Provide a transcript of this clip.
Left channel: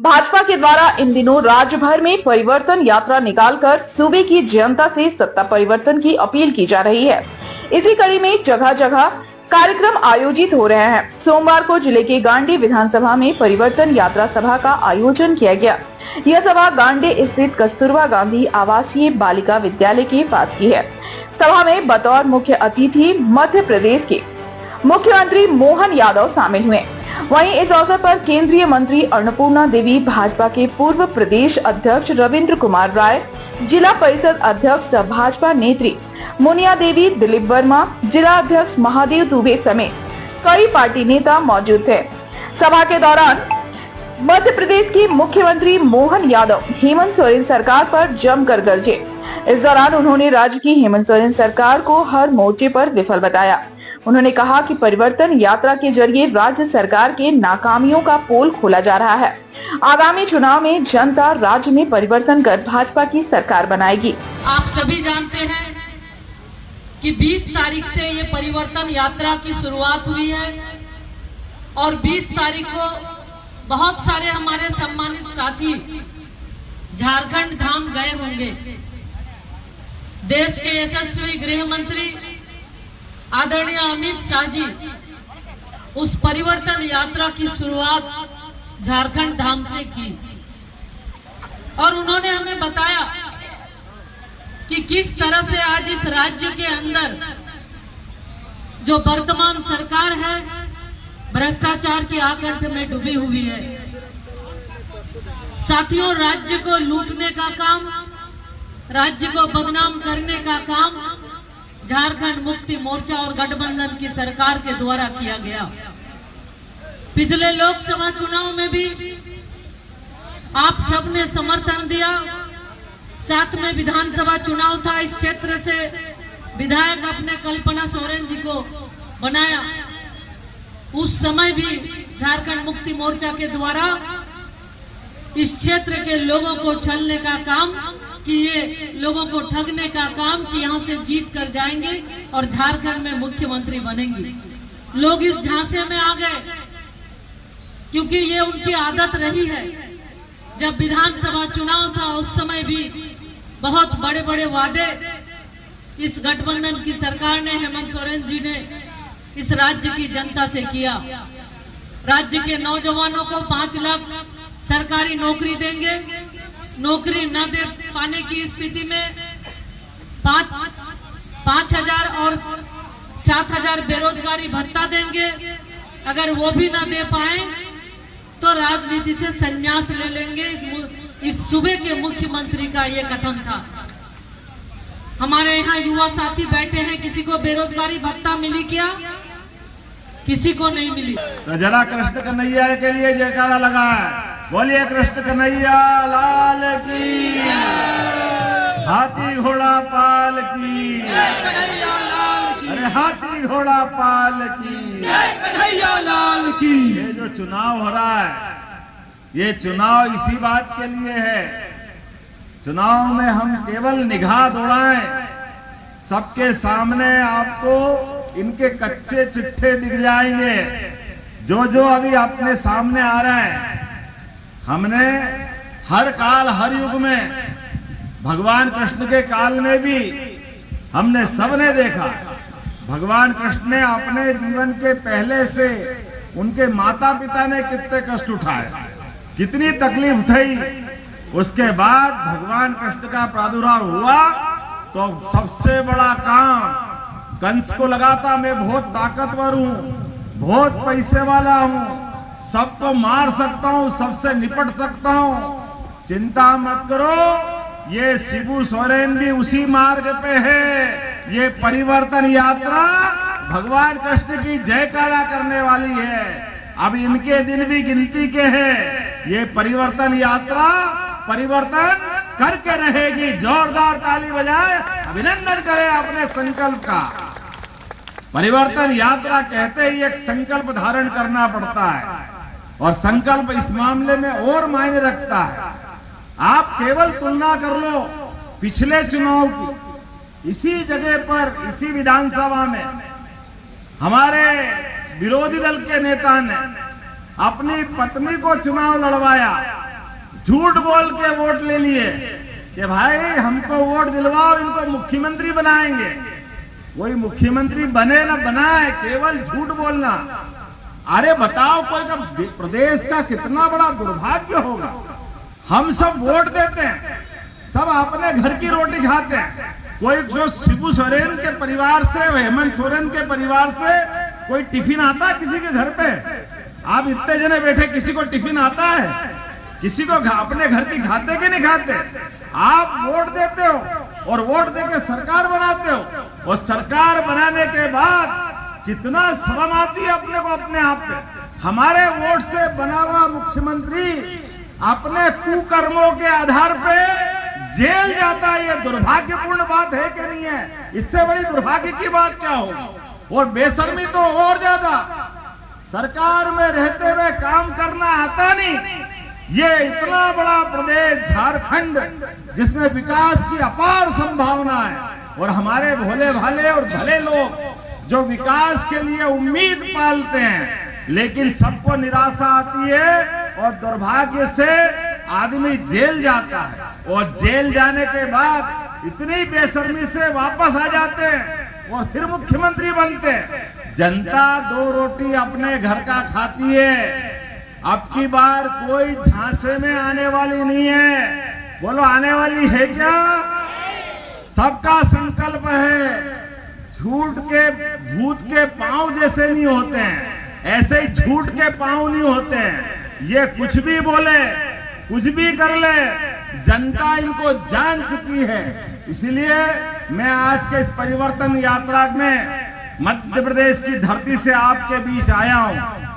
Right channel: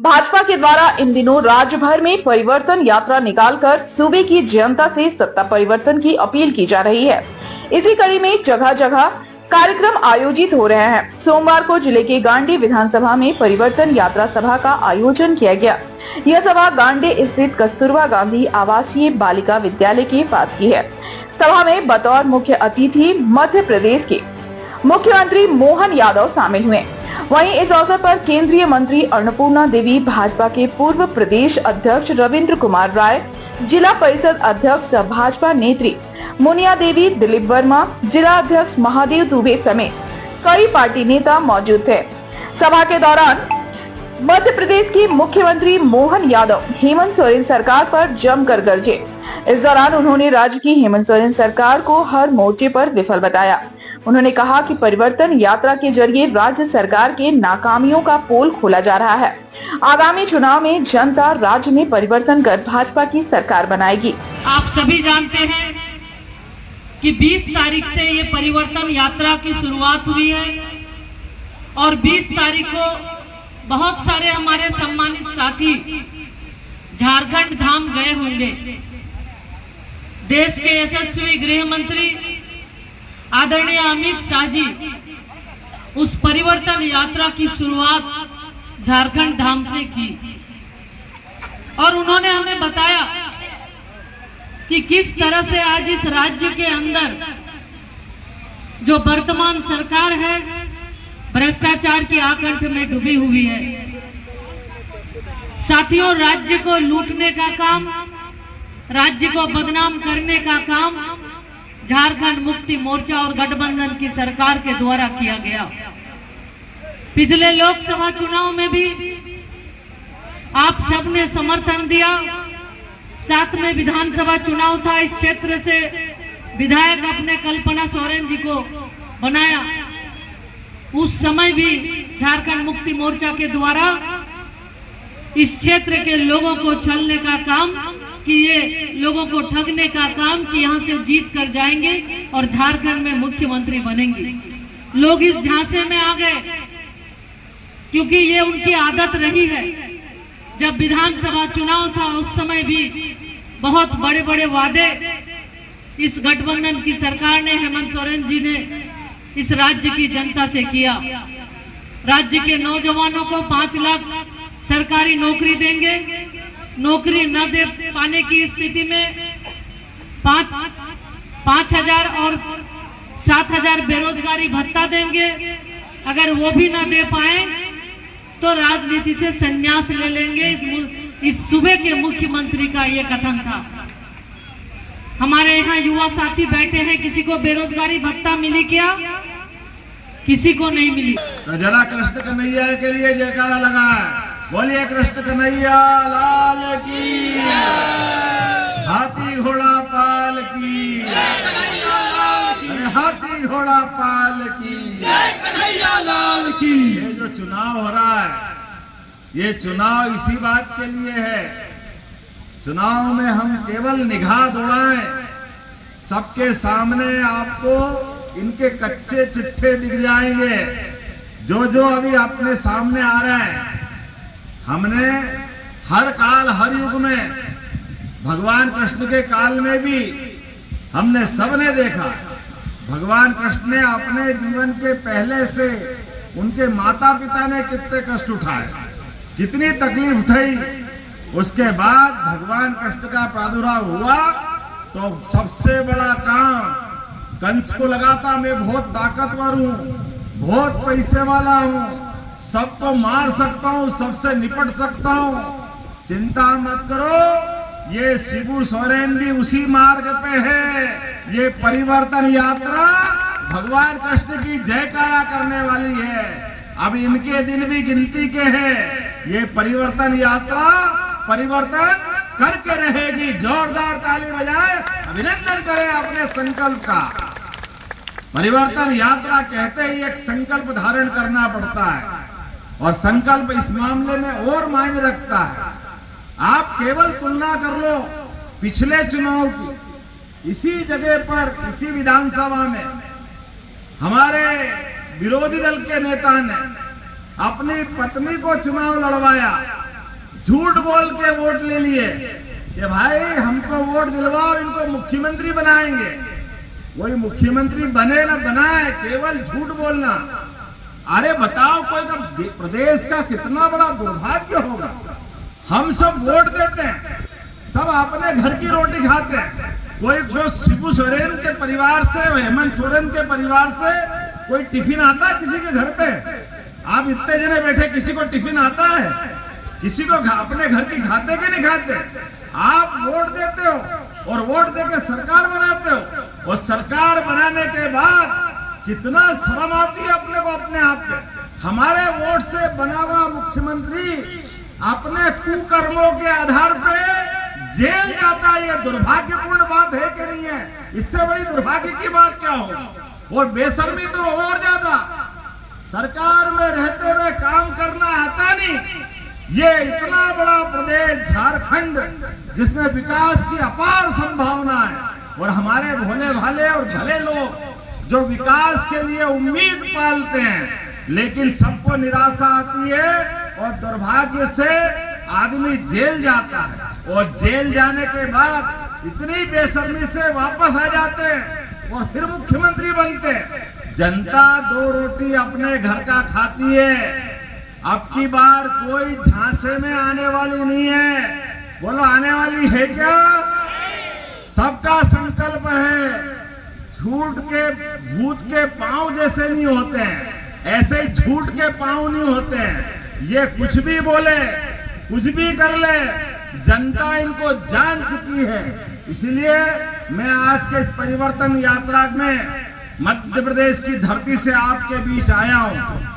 भाजपा के द्वारा इन दिनों राज्य भर में परिवर्तन यात्रा निकालकर सूबे की जनता से सत्ता परिवर्तन की अपील की जा रही है। इसी कड़ी में जगह जगह कार्यक्रम आयोजित हो रहे हैं। सोमवार को जिले के गांडी विधानसभा में परिवर्तन यात्रा सभा का आयोजन किया गया। यह सभा गांडी स्थित कस्तूरबा गांधी आवासीय बालिका विद्यालय के पास की है। सभा में बतौर मुख्य अतिथि मध्य प्रदेश के मुख्यमंत्री मोहन यादव शामिल हुए। वहीं इस अवसर पर केंद्रीय मंत्री अन्नपूर्णा देवी, भाजपा के पूर्व प्रदेश अध्यक्ष रविंद्र कुमार राय, जिला परिषद अध्यक्ष भाजपा नेत्री मुनिया देवी, दिलीप वर्मा, जिला अध्यक्ष महादेव दुबे समेत कई पार्टी नेता मौजूद थे। सभा के दौरान मध्य प्रदेश के मुख्यमंत्री मोहन यादव हेमंत सोरेन सरकार पर जमकर गरजे। इस दौरान उन्होंने राज्य की हेमंत सोरेन सरकार को हर मोर्चे पर विफल बताया। उन्होंने कहा कि परिवर्तन यात्रा के जरिए राज्य सरकार के नाकामियों का पोल खोला जा रहा है। आगामी चुनाव में जनता राज्य में परिवर्तन कर भाजपा की सरकार बनाएगी। आप सभी जानते हैं कि 20 तारीख से ये परिवर्तन यात्रा की शुरुआत हुई है और 20 तारीख को बहुत सारे हमारे सम्मानित साथी झारखंड धाम गए होंगे। देश के यशस्वी गृह मंत्री आदरणीय अमित शाह जी उस परिवर्तन यात्रा की शुरुआत झारखंड धाम से की और उन्होंने हमें बताया कि किस तरह से आज इस राज्य के अंदर जो वर्तमान सरकार है भ्रष्टाचार की आकंठ में डूबी हुई है। साथियों, राज्य को लूटने का काम, राज्य को बदनाम करने का काम झारखंड मुक्ति मोर्चा और गठबंधन की सरकार के द्वारा किया गया। पिछले लोकसभा चुनाव में भी आप सबने समर्थन दिया। साथ में विधानसभा चुनाव था, इस क्षेत्र से विधायक अपने कल्पना सोरेन जी को बनाया। उस समय भी झारखंड मुक्ति मोर्चा के द्वारा इस क्षेत्र के लोगों को छलने का काम कि ये लोगों को ठगने का काम कि यहाँ से जीत कर जाएंगे और झारखंड में मुख्यमंत्री बनेंगे। लोग इस झांसे में आ गए क्योंकि ये उनकी आदत रही है। जब विधानसभा चुनाव था उस समय भी बहुत बड़े बड़े वादे इस गठबंधन की सरकार ने, हेमंत सोरेन जी ने इस राज्य की जनता से किया। राज्य के नौजवानों को 5 लाख सरकारी नौकरी देंगे, नौकरी न दे पाने की स्थिति में 5,000 और 7,000 बेरोजगारी भत्ता देंगे। अगर वो भी न दे पाए तो राजनीति से संन्यास ले लेंगे। इस सूबे के मुख्यमंत्री का ये कथन था। हमारे यहाँ युवा साथी बैठे हैं, किसी को बेरोजगारी भत्ता मिली क्या? किसी को नहीं मिली। तो जरा कृष्ण कन्हैया के लिए जयकारा लगा है। बोलिए कृष्ण कन्हैया लाल की, हाथी घोड़ा पाल की, हाथी घोड़ा पाल की, कन्हैया लाल की। ये जो चुनाव हो रहा है, ये चुनाव इसी बात के लिए है। चुनाव में हम केवल निगाह दौड़ाएं, सबके सामने आपको इनके कच्चे चिट्ठे दिख जाएंगे। जो अभी अपने सामने आ रहा है, हमने हर काल हर युग में, भगवान कृष्ण के काल में भी हमने सबने देखा। भगवान कृष्ण ने अपने जीवन के पहले से उनके माता पिता ने कितने कष्ट उठाए, कितनी तकलीफ उठाई। उसके बाद भगवान कृष्ण का प्रादुर्भाव हुआ तो सबसे बड़ा काम कंस को लगाता, मैं बहुत ताकतवर हूं, बहुत पैसे वाला हूं, सबको मार सकता हूं, सबसे निपट सकता हूं। चिंता मत करो, ये शिबू सोरेन भी उसी मार्ग पे है। ये परिवर्तन यात्रा भगवान कृष्ण की जयकारा करने वाली है। अब इनके दिन भी गिनती के हैं। ये परिवर्तन यात्रा परिवर्तन करके रहेगी। जोरदार ताली बजाए, अभिनंदन करें अपने संकल्प का। परिवर्तन यात्रा कहते ही एक संकल्प धारण करना पड़ता है और संकल्प इस मामले में और मायने रखता है। आप केवल तुलना कर लो पिछले चुनाव की। इसी जगह पर, इसी विधानसभा में हमारे विरोधी दल के नेता ने अपनी पत्नी को चुनाव लड़वाया झूठ बोल के वोट ले लिए कि भाई हमको वोट दिलवाओ, इनको मुख्यमंत्री बनाएंगे। कोई मुख्यमंत्री बने ना बनाए, केवल झूठ बोलना। अरे बताओ, कोई का प्रदेश का कितना बड़ा दुर्भाग्य होगा। हम सब वोट देते हैं, सब अपने घर की रोटी खाते हैं। कोई जो शिबू सोरेन के परिवार से, हेमंत सोरेन के परिवार से कोई टिफिन आता है किसी के घर पे? आप इतने जने बैठे, किसी को टिफिन आता है? किसी को अपने घर की खाते कि नहीं खाते? आप वोट देते हो और वोट देके सरकार बनाते हो, और सरकार बनाने के बाद कितना शर्म आती है अपने को अपने आप पे। हमारे वोट से बना हुआ मुख्यमंत्री अपने कुकर्मों के आधार पे जेल जाता है। ये दुर्भाग्यपूर्ण बात है कि नहीं है? इससे बड़ी दुर्भाग्य की बात क्या होगी? और बेशर्मी तो और ज्यादा, सरकार में रहते हुए काम करना आता नहीं। ये इतना बड़ा प्रदेश झारखंड, जिसमें विकास की अपार संभावना है, और हमारे भोले भाले और भले लोग जो विकास के लिए उम्मीद पालते हैं, लेकिन सबको निराशा आती है और दुर्भाग्य से आदमी जेल जाता है, और जेल जाने के बाद इतनी बेशर्मी से वापस आ जाते हैं और फिर मुख्यमंत्री बनते हैं। जनता 2 रोटी अपने घर का खाती है। अब की बार कोई झांसे में आने वाली नहीं है। बोलो, आने वाली है क्या? सबका संकल्प है। झूठ के भूत के पांव जैसे नहीं होते हैं, ऐसे ही झूठ के पांव नहीं होते हैं। ये कुछ भी बोले, कुछ भी कर ले, जनता इनको जान चुकी है। इसलिए मैं आज के इस परिवर्तन यात्रा में मध्य प्रदेश की धरती से आपके बीच आया हूं।